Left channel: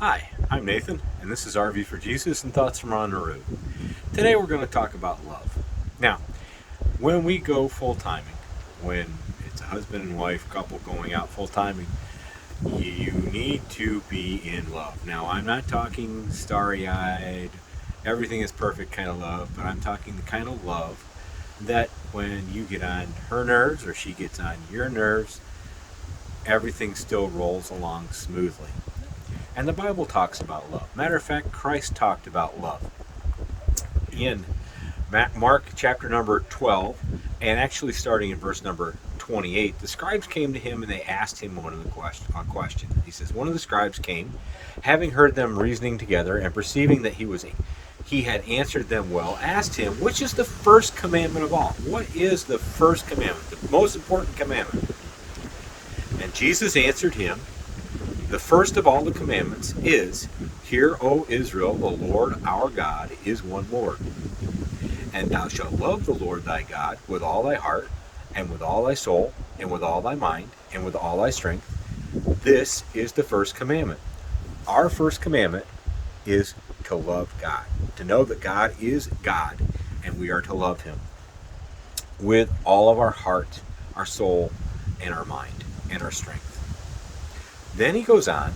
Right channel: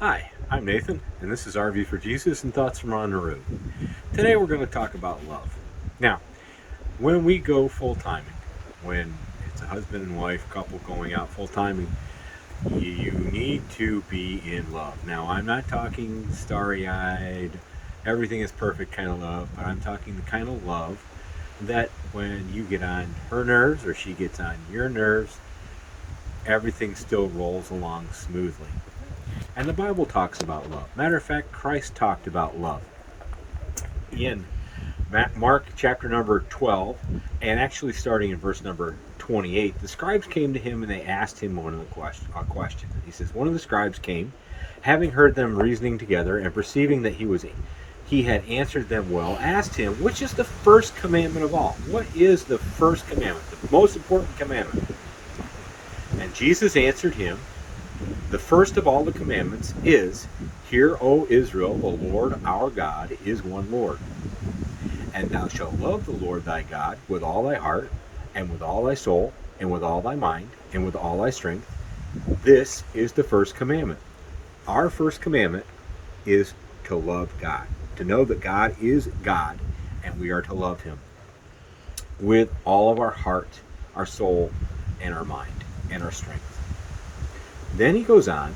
Hi, I'm Nathan, and this is RV for Jesus and Thoughts from on the Road. Today we're going to talk about love. Now, when we go full-timing, when it's a husband and wife couple going out full-timing, you need to be in love. Now, I'm not talking starry-eyed, everything is perfect kind of love, but I'm talking the kind of love that when you get on her nerves or she gets on your nerves, everything still rolls along smoothly. And the Bible talks about love. Matter of fact, Christ talked about love in Mark chapter number 12, and actually starting in verse number 28. The scribes came to him and they asked him a question. He says, one of the scribes came, having heard them reasoning together and perceiving that he had answered them well, asked him, which is the first commandment of all? What is the first commandment, the most important commandment? And Jesus answered him, the first of all the commandments is, Hear, O Israel, the Lord our God is one Lord. And thou shalt love the Lord thy God with all thy heart, and with all thy soul, and with all thy mind, and with all thy strength. This is the first commandment. Our first commandment is to love God, to know that God is God, and we are to love him with all of our heart, our soul, and our mind, and our strength. Then he goes on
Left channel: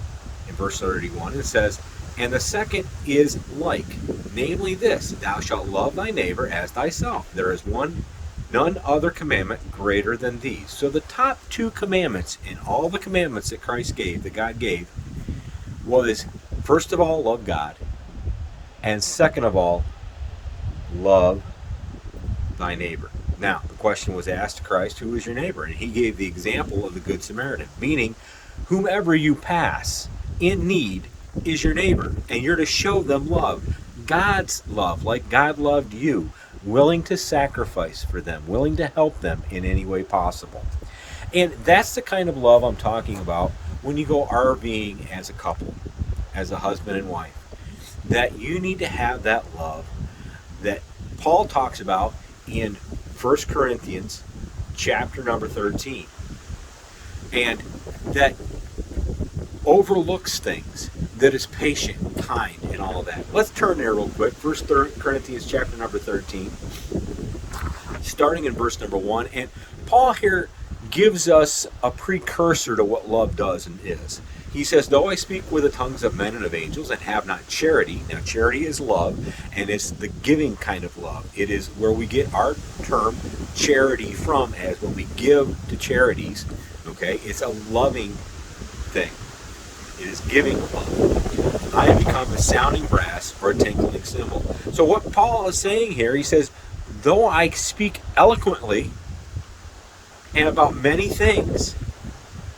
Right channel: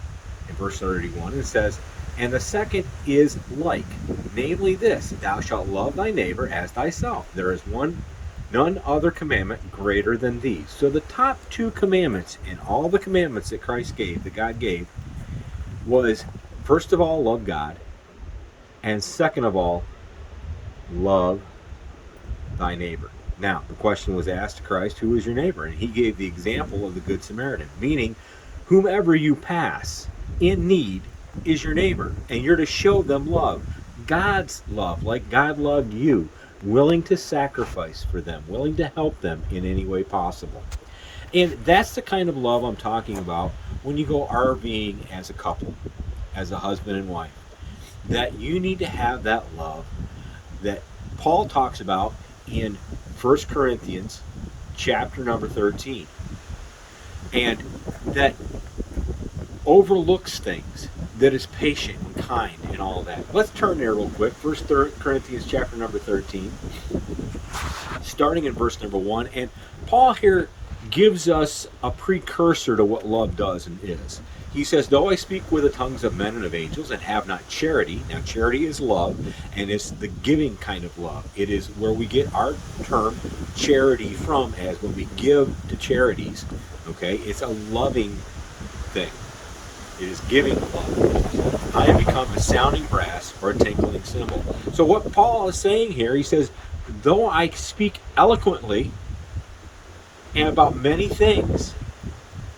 in verse 31 and says, and the second is like, namely this, thou shalt love thy neighbor as thyself. There is none other commandment greater than these. So the top two commandments in all the commandments that Christ gave, that God gave, was first of all, love God, and second of all, love thy neighbor. Now, the question was asked to Christ, who is your neighbor? And he gave the example of the Good Samaritan, meaning whomever you pass in need is your neighbor, and you're to show them love. God's love, like God loved you, willing to sacrifice for them, willing to help them in any way possible. And that's the kind of love I'm talking about when you go RVing as a couple, as a husband and wife. That you need to have that love that Paul talks about in 1 Corinthians chapter number 13. And that overlooks things, that is patient and kind and all that. Let's turn there real quick. 1 Corinthians chapter number 13, starting in verse number 1. And Paul here gives us a precursor to what love does and is. He says, though I speak with the tongues of men and of angels and have not charity. Now charity is love, and it's the giving kind of love. It is where we get our term charity from, as when we give to charities. Okay, it's a loving thing. It is giving love. I have become a sounding brass or a tinkling cymbal. So what Paul is saying here, he says, though I speak eloquently and about many things,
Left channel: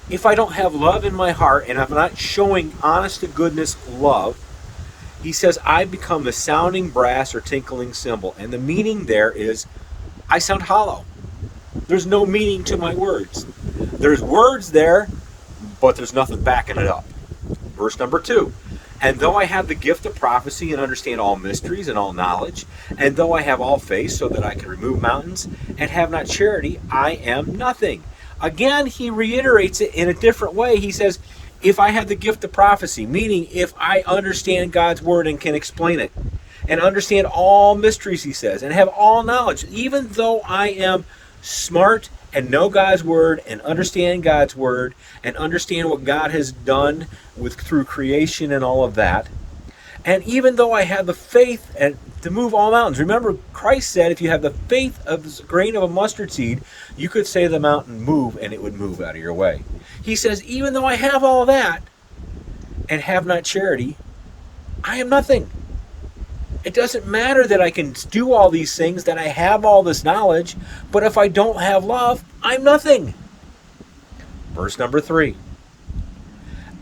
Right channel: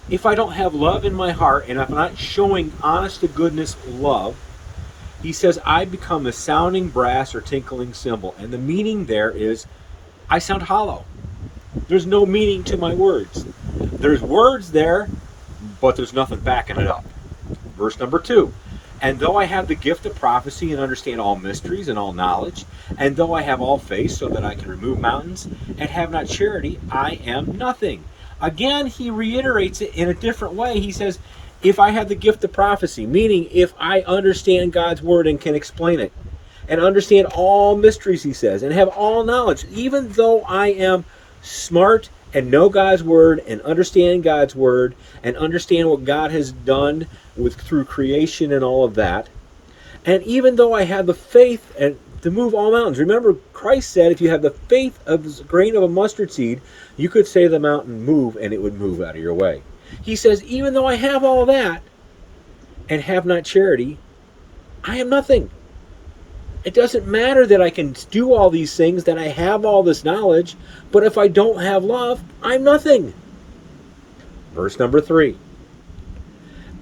if I don't have love in my heart and if I'm not showing honest to goodness love, he says, I become a sounding brass or tinkling cymbal. And the meaning there is, I sound hollow. There's no meaning to my words. There's words there, but there's nothing backing it up. Verse number 2. And though I have the gift of prophecy and understand all mysteries and all knowledge, and though I have all faith so that I can remove mountains and have not charity, I am nothing. Again, he reiterates it in a different way. He says, if I have the gift of prophecy, meaning if I understand God's word and can explain it, and understand all mysteries, he says, and have all knowledge, even though I am smart and know God's word and understand God's word and understand what God has done through creation and all of that, and even though I have the faith and to move all mountains. Remember, Christ said if you have the faith of a grain of a mustard seed, you could say to the mountain, move, and it would move out of your way. He says, even though I have all that and have not charity, I am nothing. It doesn't matter that I can do all these things, that I have all this knowledge, but if I don't have love, I'm nothing. Verse number 3.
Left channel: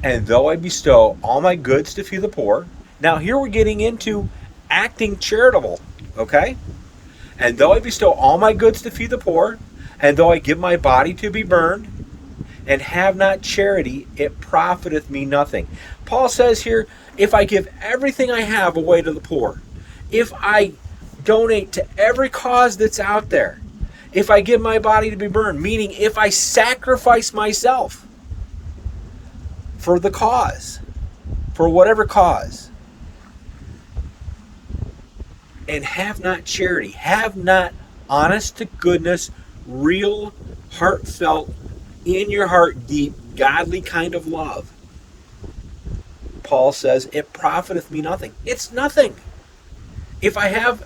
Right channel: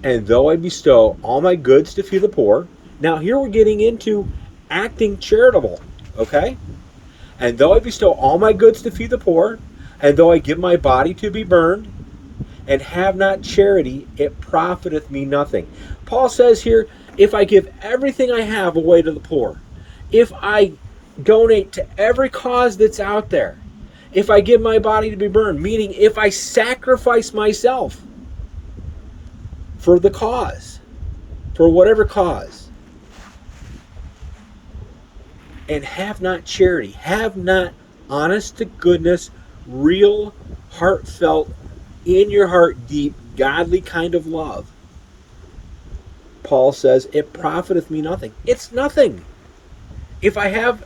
And though I bestow all my goods to feed the poor. Now here we're getting into acting charitable, okay? And though I bestow all my goods to feed the poor, and though I give my body to be burned, and have not charity, it profiteth me nothing. Paul says here, if I give everything I have away to the poor, if I donate to every cause that's out there, if I give my body to be burned, meaning if I sacrifice myself for the cause, for whatever cause, and have not charity, have not honest to goodness, real, heartfelt, in your heart deep, godly kind of love, Paul says, it profiteth me nothing. It's nothing. If I have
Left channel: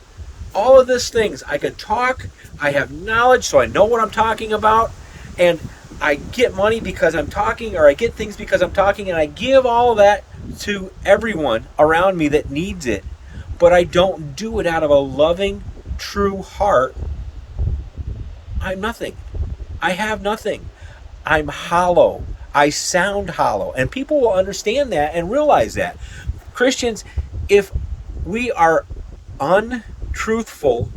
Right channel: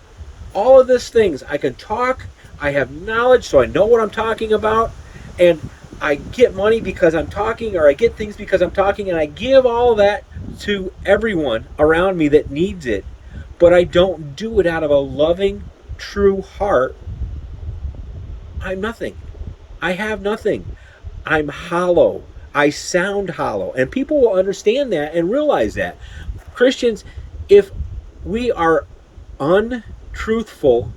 all of these things, I can talk, I have knowledge, so I know what I'm talking about, and I get money because I'm talking, or I get things because I'm talking, and I give all that to everyone around me that needs it, but I don't do it out of a loving, true heart, I'm nothing. I have nothing. I'm hollow. I sound hollow. And people will understand that and realize that. Christians, if we are untruthful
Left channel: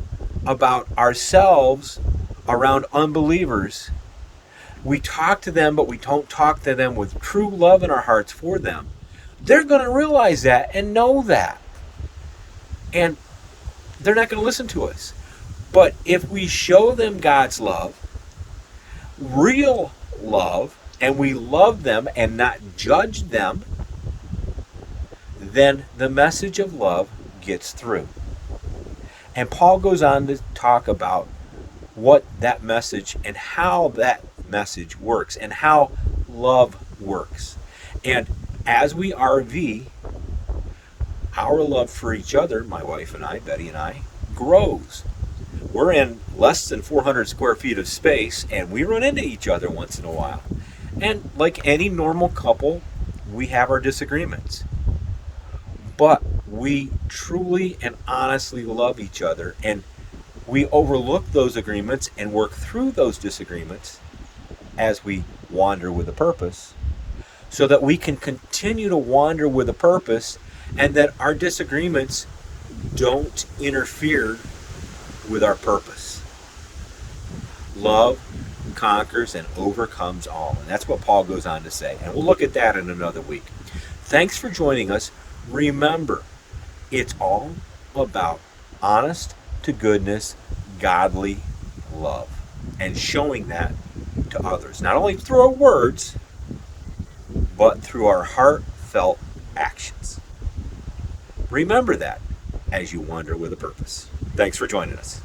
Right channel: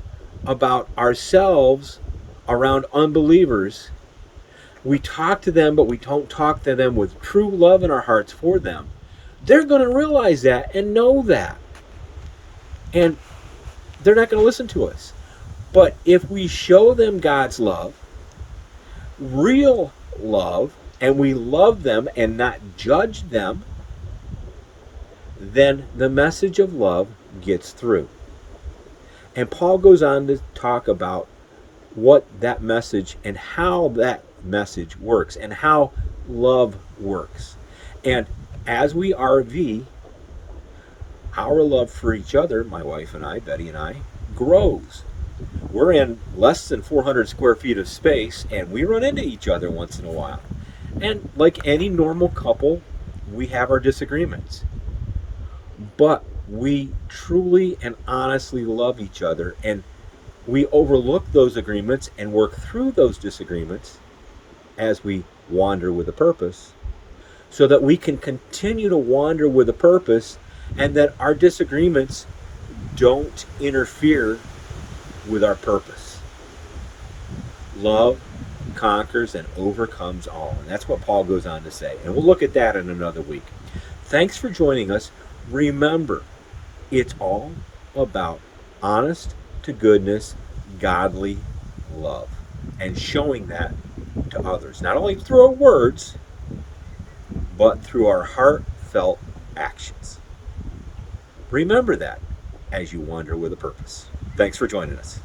about ourselves around unbelievers, we talk to them, but we don't talk to them with true love in our hearts for them, they're going to realize that and know that. And they're not going to listen to us. But if we show them God's love, real love, and we love them and not judge them, then the message of love gets through. And Paul goes on to talk about what that message and how that message works and how love works. And as we RV, our love for each other, my wife and I, Betty and I, grows. We're in less than 400 square feet of space, and we run into each other once in a while. And like any normal couple, we have our disagreements. But we truly and honestly love each other, and we overlook those agreements and work through those disagreements as we wander with a purpose, so that we can continue to wander with a purpose, and that our disagreements don't interfere with our purpose. Love conquers and overcomes all. And that's what Paul goes on to say. And we'll look at that in another week. Thanks for joining us. Remember, it's all about honest to goodness, godly love, and showing that to others, not only through our words, but through our heartfelt actions. Remember that as you wander with a purpose. Thanks for joining us.